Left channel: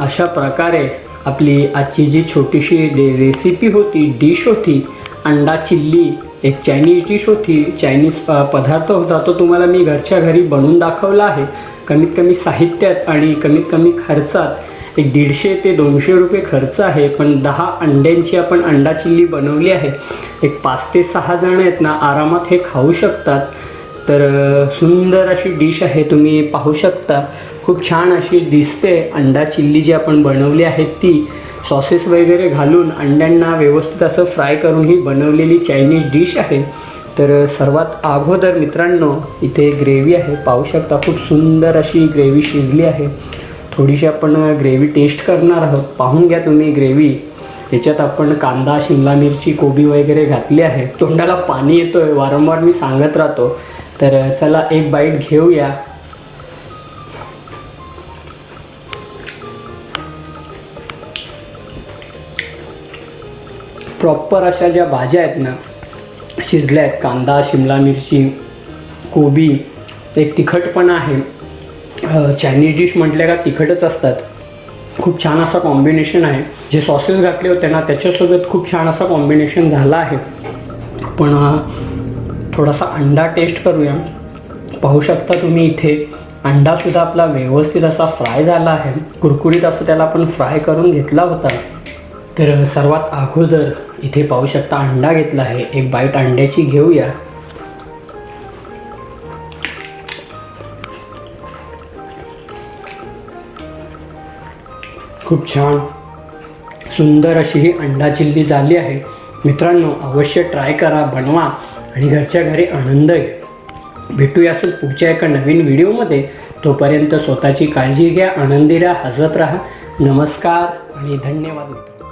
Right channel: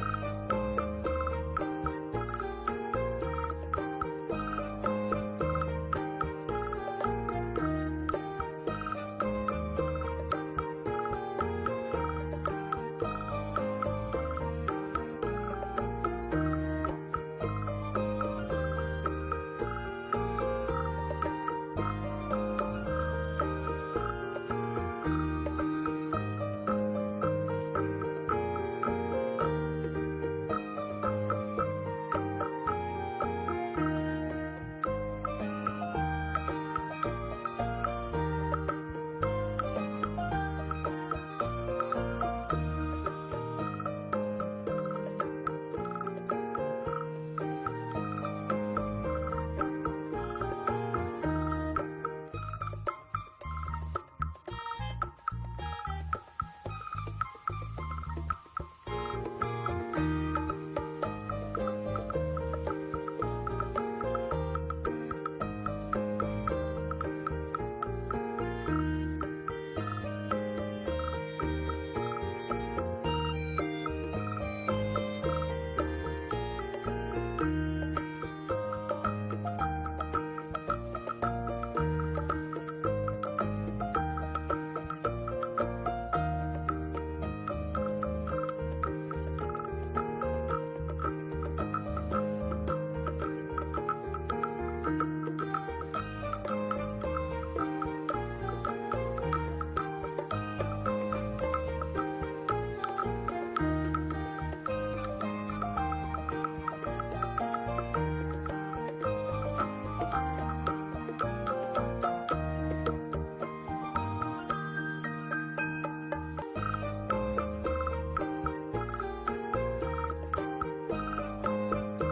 अशा प्रकारे आपली आजची जी छोटीशी रेसिपी होती, डिश होती, अंडा चिल्ली, एक चायनीज डिश होती, चायनीज पदार्थ होता, तो तुम्हाला मी घरच्या घरी बनवून दाखवला आहे. कमीत कमी साहित्यात आणि कमीत कमी खर्चात एक 150 ते 200 रुपये खर्च आहे. पण 10 अंड्यांची आपण अंडा चिल्ली बनवली आहे. एक 5 ते 6 जण आहेत ना, आरामात हे खाऊ शकतात. तर सुंदर अशी डिश आहे, तुम्ही पाहू शकता. खूप छान अशी दिसते अंडा चिल्ली जी आपण बनवली आहे ती. सॉसेस वगैरे घालून अंड्यांना व्यवस्थित असं फ्राय करून ही बनवलेली चायनीज डिश आहे. तर सर्वात अगोदर मित्रांनो, इथे ग्रेव्ही आहे, पाहू शकता. खूप सुंदर अशी ग्रेव्ही शिजली आहे. थोडीशी आपण ग्रेव्ही टेस्ट करणार आहोत. पाहून घ्या तुम्ही ग्रेव्ही. याच्यात आपण कांदा, शिमला मिरची, कोबी वगैरे घातली आहे. तोंडाला पाणी येतोय, वारंवार मी सांगत राहतो. तर चला एक बाईट घेऊया. प्रॉपर अशा ज्या भाज्या आहेत ना, शिजल्या आहेत. कांदा, शिमला मिरची, कोबी, एक तिखटपणा आहे. चायनीज डिश म्हटल्या का तिखटच असतात. खूप छान असा कॉम्बिनेशन आहे. जे सॉसेस घातले होते ना, त्याच्यासोबत खूप छान असा कॉम्बिनेशन झाला आहे. पण थोडासा अंडा टेस्ट करूया. पाहू शकता तुम्ही इथे अंडासुद्धा आपला व्यवस्थित असा फ्राय झाला आहे. कुरकुरीत असं त्याला आपण फ्राय करून घेतला होता. तर सर्वात अगोदर इथे पाहू शकता अंडा घेतला आहे. एक बाईट अंड्याची घेऊया. खूप छान सुंदर अशी ही अंडा चिल्ली झाली आहे. मित्रांनो, अवश्य ट्राय करा, बनवा आणि घरच्या घरी आनंद घ्या. भेटूया असं पुढच्या एका नवीन व्हिडिओमध्ये. तोपर्यंत स्वतःची काळजी घ्या, आनंदी राहा, हसत राहा. नमस्कार आणि धन्यवाद.